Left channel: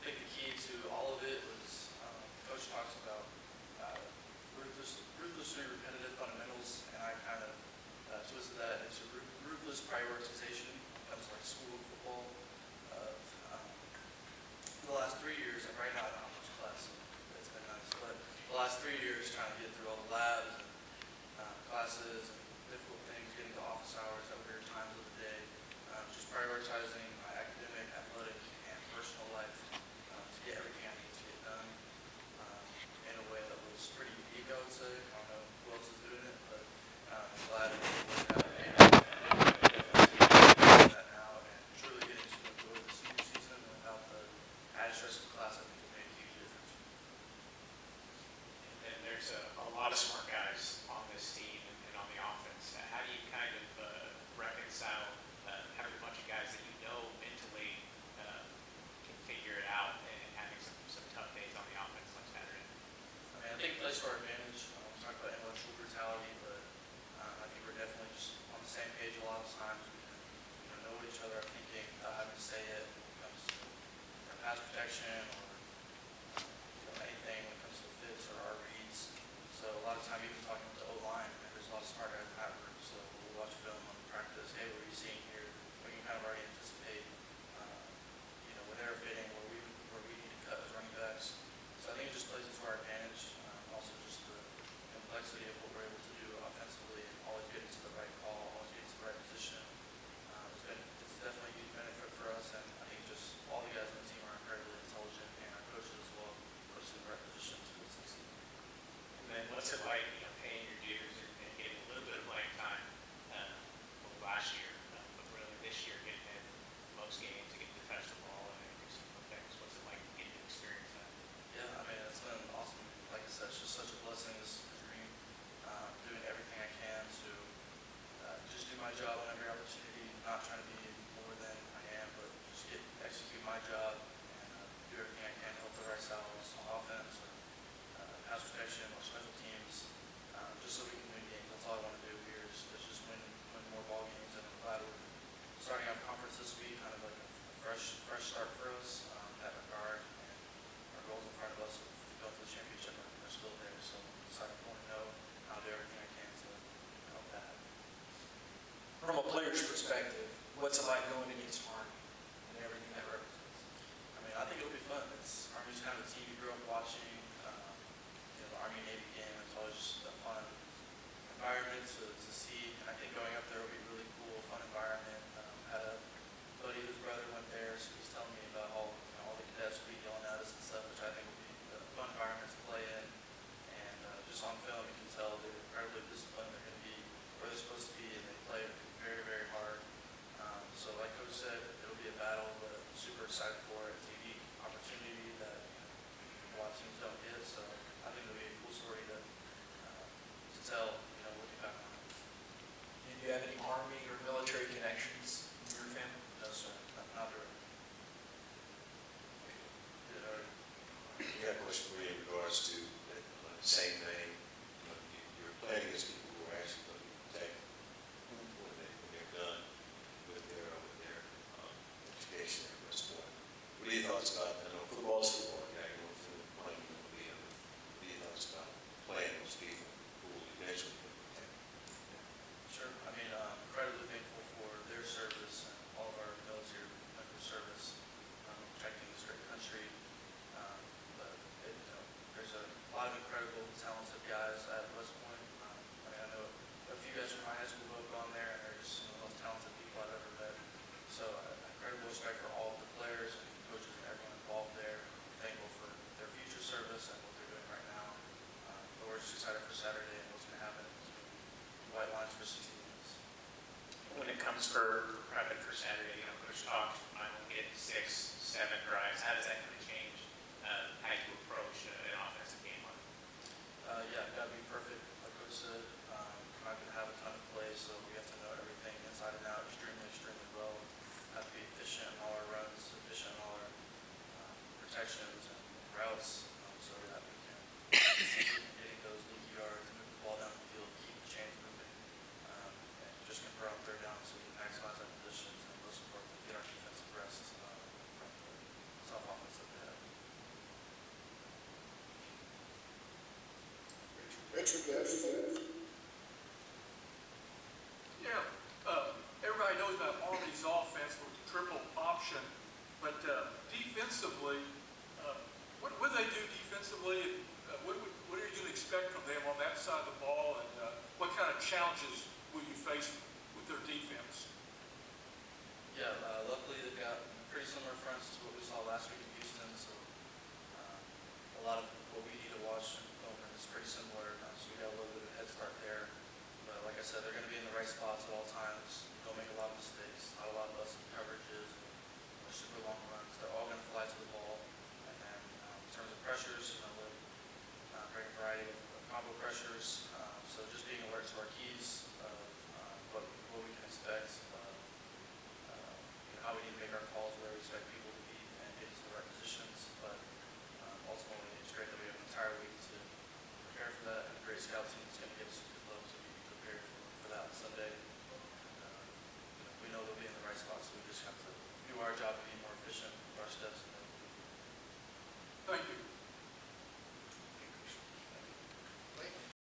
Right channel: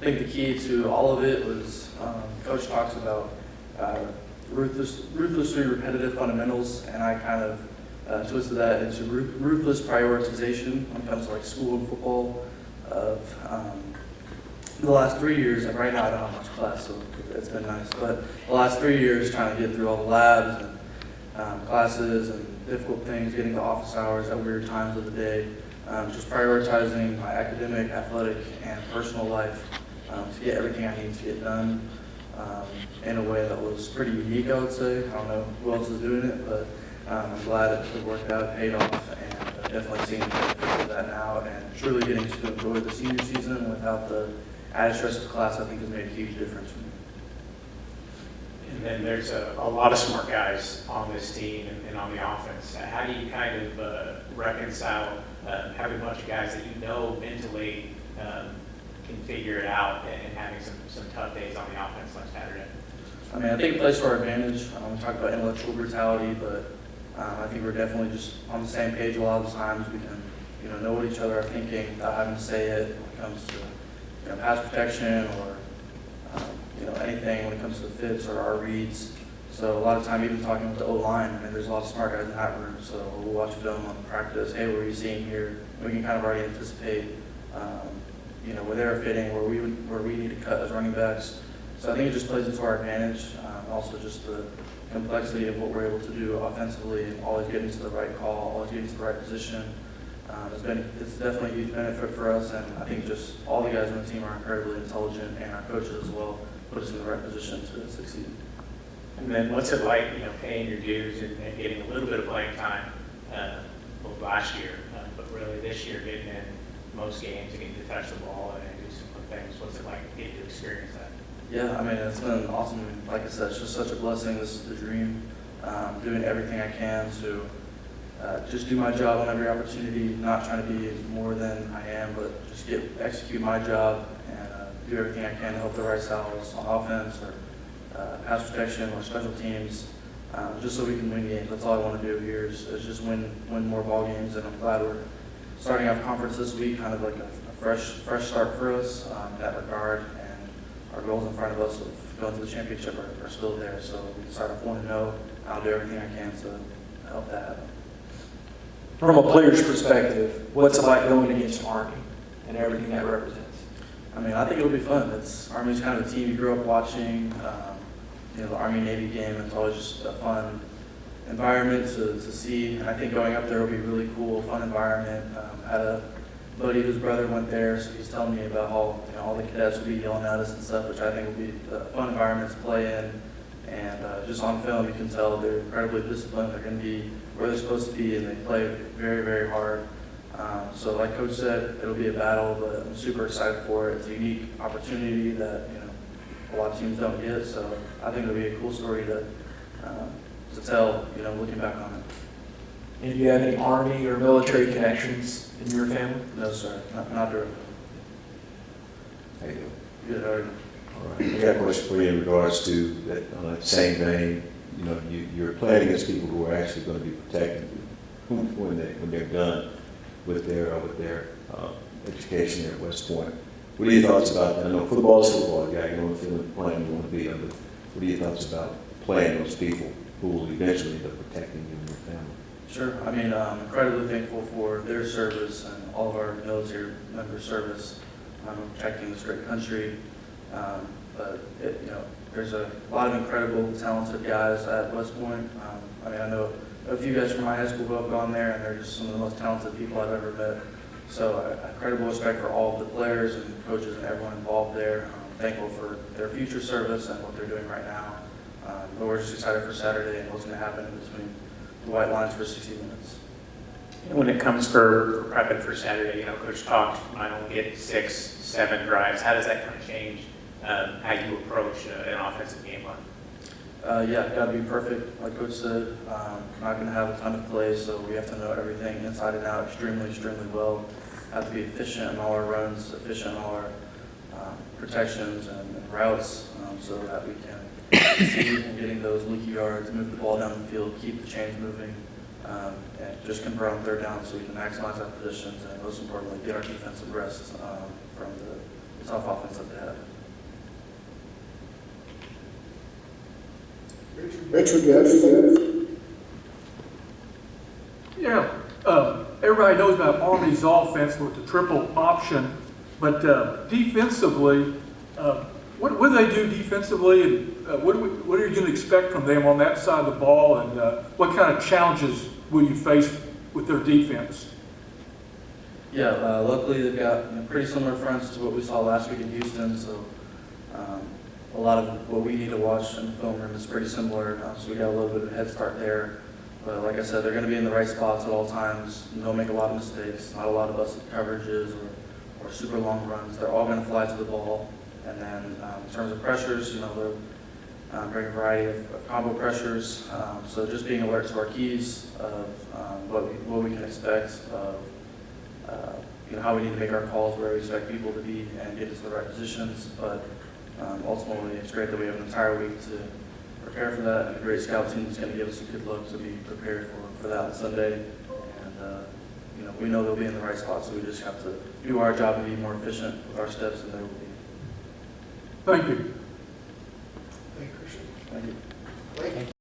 I think the key to all of it was Coach talks about ruthlessly repetitive fundamentals, and I kind of twisted that into ruthless prioritization when it comes to like school and football. Of the last 3 years, and right now I don't have much class, so it's been nice. But the last 3 years, trying to get through all the labs and classes and difficult things, getting to office hours at weird times of the day, just prioritizing my academic, athletic, and personal life to get everything I need to get done in a way that was pretty unique, I would say. I don't know who else is doing it, but I'm glad it worked out, paid off, and I'm definitely seeing that now, and truly getting to enjoy the senior season without the added stress of class, I think has made a huge difference for me. And then there's a lot of smart guys on this team and on the offense. How do you kind of reconcile having a bunch of guys that you know mentally can figure it out and having some tough days on the offense like Saturday? I mean, I think it plays to our advantage. We talk about intellectual brutality, but I think we're definitely just on the same page a lot of the times. We can, know what each other are thinking without having to say it when it comes to, pass protection or, anything when it comes to fits or our reads. So a lot of time, even talking with the O-line, I mean, there's a lot of smart guys in that room. So we'll watch film on practice. Hey, what are you seeing here? We can kind of already anticipate, where they're fitting, where we need to cut as running backs. So I think it just plays into our advantage. Also just the complexity of what we're able to do offensively and always getting to the right call, always getting to the right position. It's definitely a huge benefit for us, and I think just all the guys on the team are incredibly intelligent, and our coaches as well put us in the right position to succeed. And then what's it like, paying your dues and getting a little bit of playing time last year, but really this year getting in most games and getting to touch the ball and do some fun things. What's it like getting to experience that? Yeah, I mean, it's been awesome. Like I said, it's just such a blessing. This is the dream. Doing everything I can to just do my job on every opportunity, not trying to be more than I am, but just execute my job and do everything I can to help the Rice Owls on offense or pass protection or special teams, just so we can win games. That's all I want to do here is just win more ball games, and I'm glad we're starting off conference this week, kind of like a fresh start for us in that regard, and our goals in front of us of going to the championship are still there, so we can start off 1-0. I'll do everything I can to help that happen. From a player's perspective, what's it like going against Army and everything that represents? I mean, I think it'll be fun. Army's kind of a team you grew up watching. The Army-Navy game, it's always just a fun environment to see. And I think going up there will be really cool, fun environment. I had a buddy whose brother went there, so he's telling me about how all the cadets will be yelling at us and stuff, which I think will be a fun environment to play in. And just on film, you can tell they're incredibly disciplined. They're going to be where they're supposed to be, and they play very, very hard. So like Coach said, it'll be a battle, but I'm super excited for it. It's a unique opportunity that a lot of teams don't get. So I think it'll be a cool story to tell, looking back on it. And do you have any Army or military connections in your family? No, sir, not directly. How you doing? Good, how are you? All right. I got a question for you in regards to that, on that same vein. You're playing against people who are actually going to be protecting you when they're done with their education there at West Point. What are your thoughts about that? I know football is football. You got your own feeling of playing you want to be, but what are your thoughts about playing those people who will eventually end up protecting you and your family? Sure. I mean, I'm incredibly thankful for their service and all of our military members' service protecting this great country. But there's a lot of incredible, talented guys at West Point. I know a few guys from my high school who have gone there, and they're just some of the most talented people I've ever met. So incredible respect for all of the players and coaches and everyone involved there. I'm thankful for their future service and what they're doing right now. But we're just excited for Saturday and what's going to happen in between the white lines for 60 minutes. When it comes for prepping for Saturday, Coach talked, might only get 6, 7 drives. How does that kind of change how you approach an offensive game plan? Yeah, got to be perfect, like Coach said. Not going to have a ton of plays, so we have to know everything inside and out extremely, extremely well. Have to be efficient in all our runs, efficient in all our protections and routes, so that we can succeed in getting those leaky yards, move the ball down the field, keep the chains moving, and just convert on third down so we can maximize our positions and most importantly, get our defensive rest from the tough offense that they have. Richard, you have anything? Yeah, everybody knows about Army's offense with the triple option, but defensively, what do they do defensively, and what are you going to expect from them on that side of the ball, and what kind of challenges will you face with their defense? Yeah, luckily they've got pretty similar fronts to what we saw last week in Houston, so a lot of what we need to watch in the film room is pretty similar, so we got a little bit of a head start there. But like I said, they're going to be in the right spots at all times. Don't make a lot of mistakes, not a lot of busted coverages or super long runs. They're all going to fly to the ball. And then in terms of pressures, they're bringing a variety of combo pressures. So just being alert to our keys of what we can expect of how we need to make our calls, where we expect people to be, and get us to the right positions. But ultimately, it's great that we have an entire week to prepare for that, and a great scout team is going to give us a good look to be prepared for that on Sunday. And we know they'll be in the right spot, so we just have to do our job and be more efficient with our steps, and they will be. Thank you. Thank you, Christian. Thank you. Blake?